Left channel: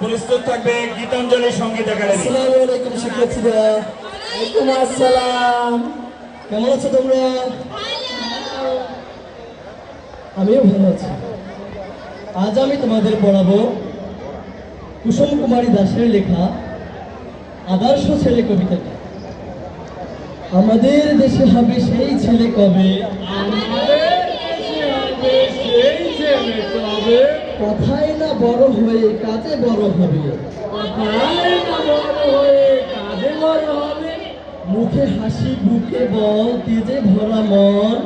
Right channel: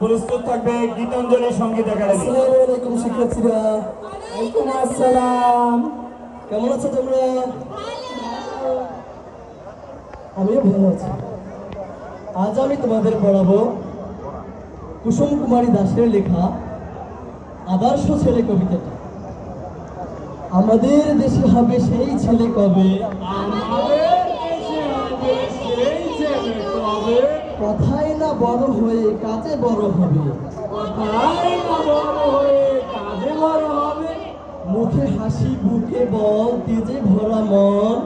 প্রস্তুত থাকবে গীতাঞ্জলি সঙ্গীত একাডেমি। আসসালামু আলাইকুম শিক্ষার্থীরা। ওয়ালাইকুম আসসালাম। কেমন আছো তোমরা? আমিও ভালো আছি। আজ আমি তোমাদের পড়াবো কুসুম কুমারী দাসের লেখা আদর্শ ছেলে কবিতাটি। আমাদের দেশে হবে সেই ছেলে কবে, কথায় না বড় হয়ে কাজে বড় হবে, মুখে হাসি বুকে বল তেজে ভরা মন,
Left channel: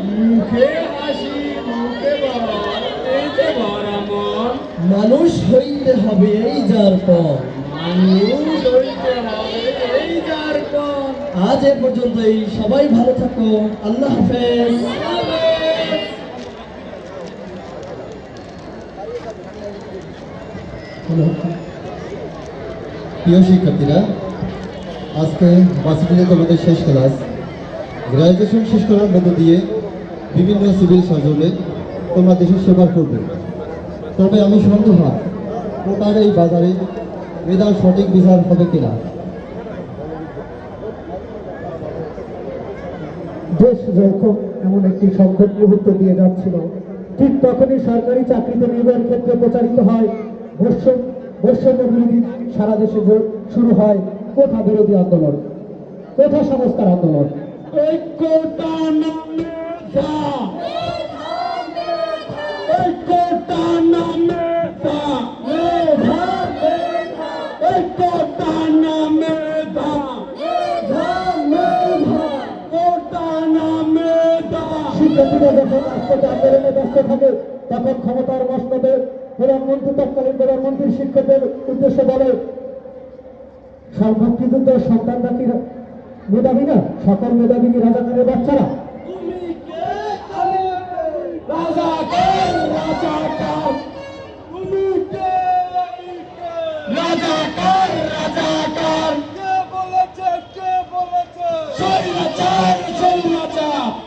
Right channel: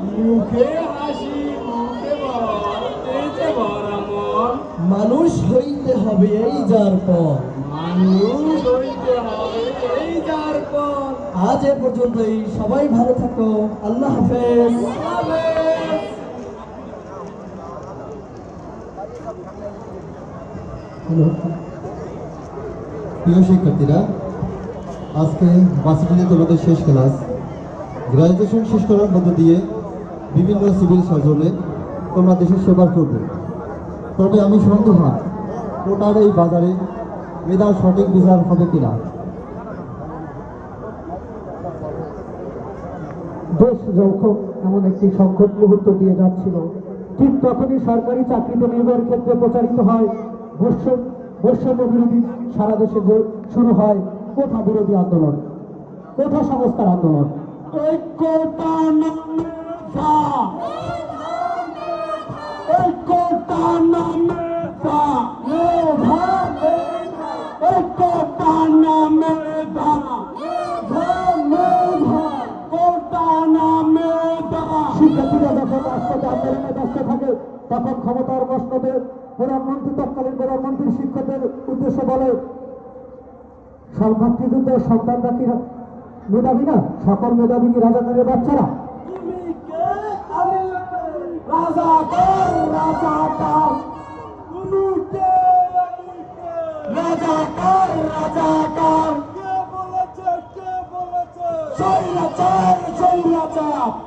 মানুষ হইতে হবে এই যার পর। আজ এ পর্যন্তই, সবাই ভালো থাকো, আল্লাহ হাফেজ। প্রিয় শিক্ষার্থীরা, আজকে ভার্সিটিতে তোমাদের শেষ ক্লাস। গ্র্যাজুয়েশন শেষ করার মধ্য দিয়ে বিভিন্ন সিভিল সার্জনে তোমরা দেশের সেবা করবে। তবে আমি সন্দেহান কোটার এই বাজারে মেধার সঠিক বিচার হবে কিনা। দেশ যখন এমন একটি সংকট মুহূর্ত দিয়ে যাচ্ছিল, ঠিক তখনই সরকারি চাকরিতে নিয়োগের ক্ষেত্রে প্রচারিত হয় বৈষম্য বিরোধী, সারা দেশে শুরু হয় কোটা বিরোধী আন্দোলন, কোটা সংস্কার আন্দোলন। শিক্ষার্থীরা যখন রাজপথে আন্দোলনে ব্যস্ত থাকে, তখন ক্ষমতার মসনদে তৎকালীন প্রধানমন্ত্রীর শিক্ষকদের উদ্দেশ্যে বলে, সর্বকৃত সন্তানরা কি মেধাবী না? সকল মেধাবী কি রাজাকারের বাচ্চারা?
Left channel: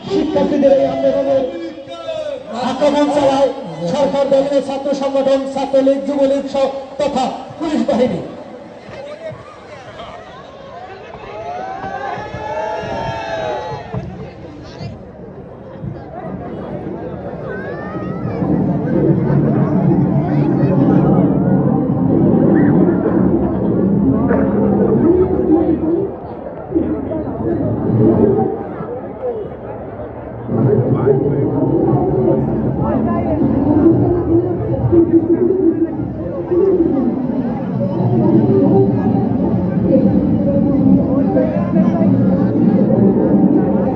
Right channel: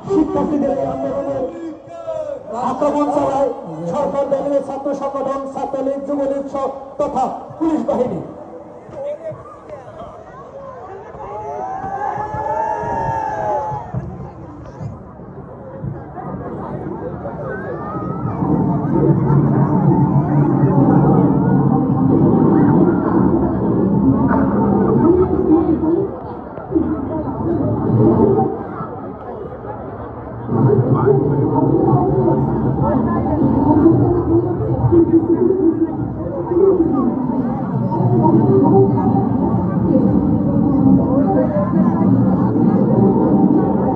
শিক্ষার্থীদের এই আন্দোলনে আক্রমণ চালায় সরকার দলের ছাত্র সংগঠন, ছাত্রলীগ, যুবলীগ তথা পুলিশ বাহিনী।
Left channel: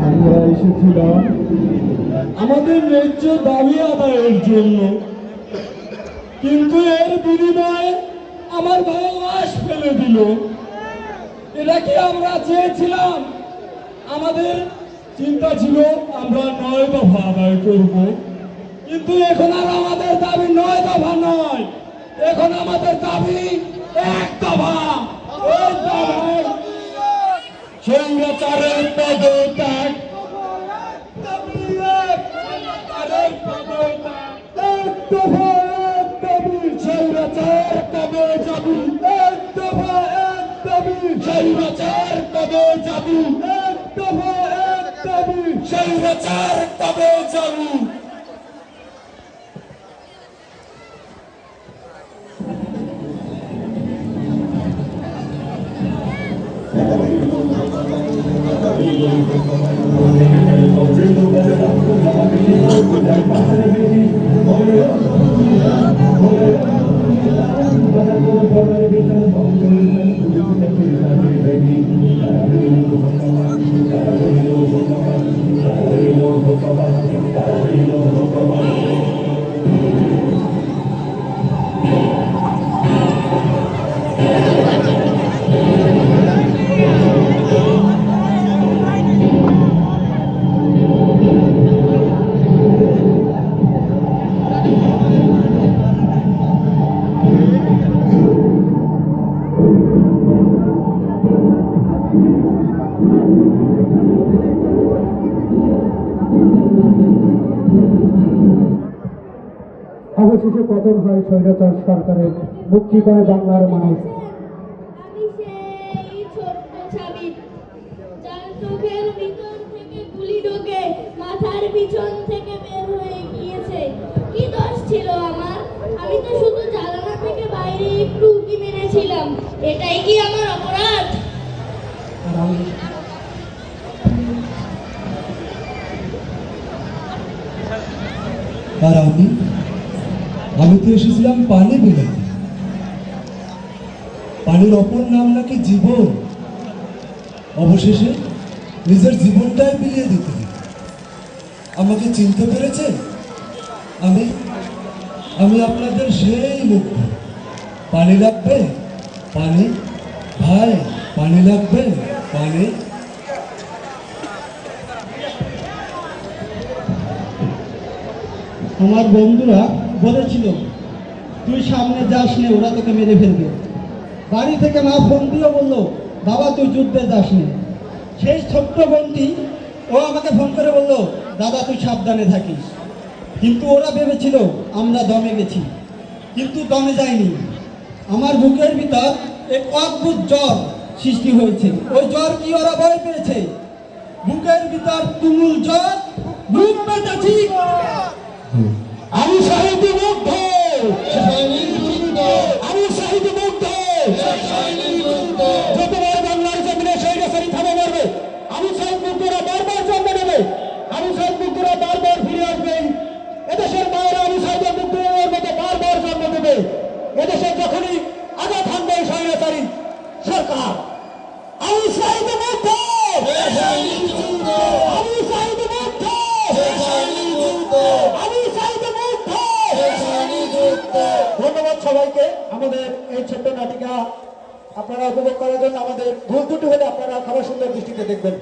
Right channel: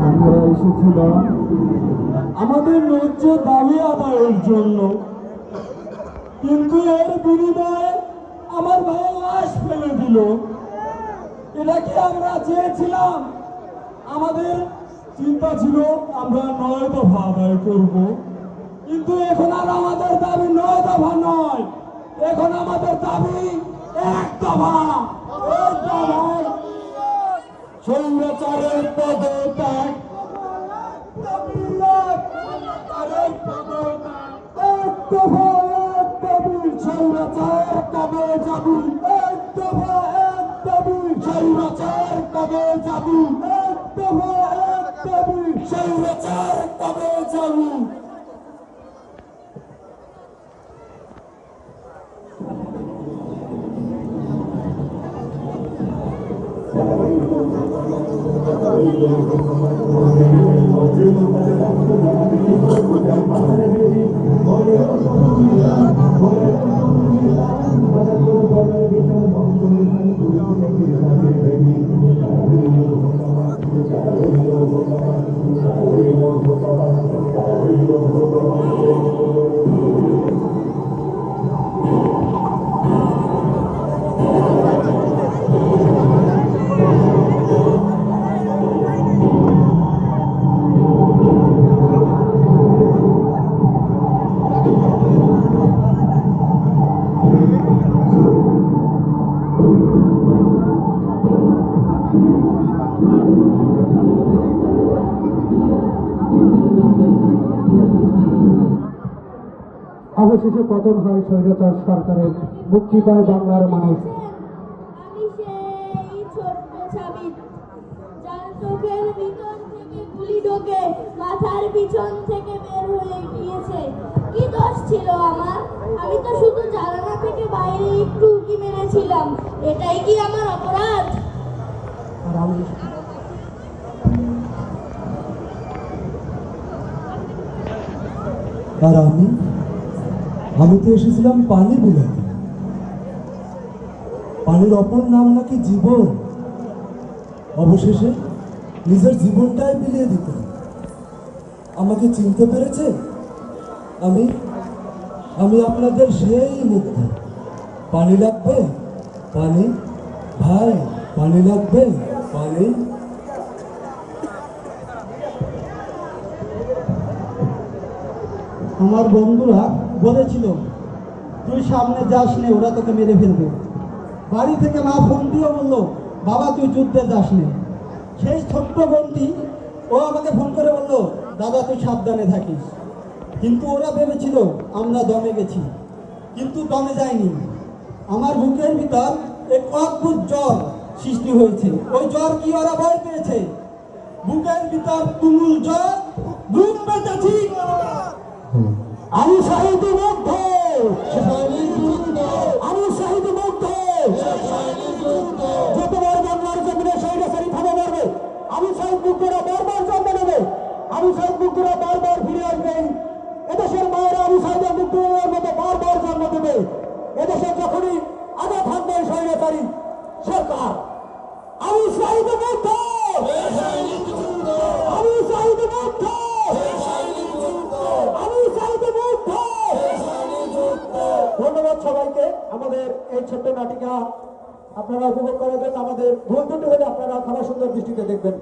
আমরা এসেছিলাম আমাদের ন্যায্য দাবি আদায়ের জন্য, কিন্তু এর বিনিময়ে আমার ভাই লাশ ফেলে দিল। এটা কি আমরা চেয়েছিলাম? আমাদের চিন্তা ছিল আমরা 9 দফা আদায় করব, কিন্তু এখন আর আমাদের দাবি 9 দফা নয়, এখন আমাদের দাবি 1 দফা। এই দাবি স্বৈরাচারের পদত্যাগ, অবশেষে পতন হয় স্বৈরাচার সরকারের, মুক্তি পায় বাংলার মানুষ। আমি সেই ছোট্ট ছাবিত, যার চোখের ভিতর থেকে গুলি ঢোকে, মাথার পিছন থেকে বের হয়ে গিয়েছে। কি দোষ ছিল আমার? আমি তো শুধু জানালা থেকে বাইরে একটু উঁকি মেরেছিলাম। এটাই কি আমার অপরাধ? আর আমি তো এসেছিলাম পানি বিলাতে। পানির অপর নাম নাকি জীবন। অবশেষে নিজের জীবনটাই বিলিয়ে দিতে হবে। আমাকে চিনতে পেরেছে? আমি আপনাদের সেই মুগ্ধ। পানি লাগবে? পানি ভাই, পানি লাগবে? পানি। আমার বন্ধুরা বলেছিল তুই সামনে যাস নে, ওরা তোকে মেরে ফেলবে। বাড়ি থেকে মা ফোন দিয়ে বললো বাবা তুই যুদ্ধে যাস নে। সেই ছোট্ট বোনটি ও আমাকে ফোন করে বললো দাদা তুই সাবধানে থাকিস। কিন্তু ওরা ভেবেছিল আমরা দমে গেছি, কিন্তু দমে যাইনি। আমার বুকের ভিতর এক অদ্ভুত জ্বর সৃষ্টি হয়েছে। ওই জ্বর কি ওরা ভয় পেয়েছে? বুকের ভিতর তুমুল জ্বর, বুক পেতেছি। আমি সাহিত্য মুগ্ধ, আমি সাহিত্য মুগ্ধ। যতবার বাংলার জমিনে স্বৈরাচারী থামা মারবে, আমি সাহিত্য মুগ্ধরা বারবার জন্ম নেবে, আমি সাহিত্য মুগ্ধরা বারবার ফিরে আসবে। এদেশের মায়েরা আমি সাহিত্য মুগ্ধের মতো বারবার জন্ম দেবে। এদেশে যখনই আঘাত হানবে স্বৈরাচারী সরকার, আমি সাহিত্য মুগ্ধ, আমি সাহিত্য মুগ্ধ, আমি সাহিত্য মুগ্ধ। ধন্যবাদ সবাইকে আমাদের এই ছোট্ট নাটিকা আপনারা উপভোগ করার জন্য। আমাদের ভুল ত্রুটি হলে আপনারা ক্ষমা সুন্দর দৃষ্টিতে দেখবেন।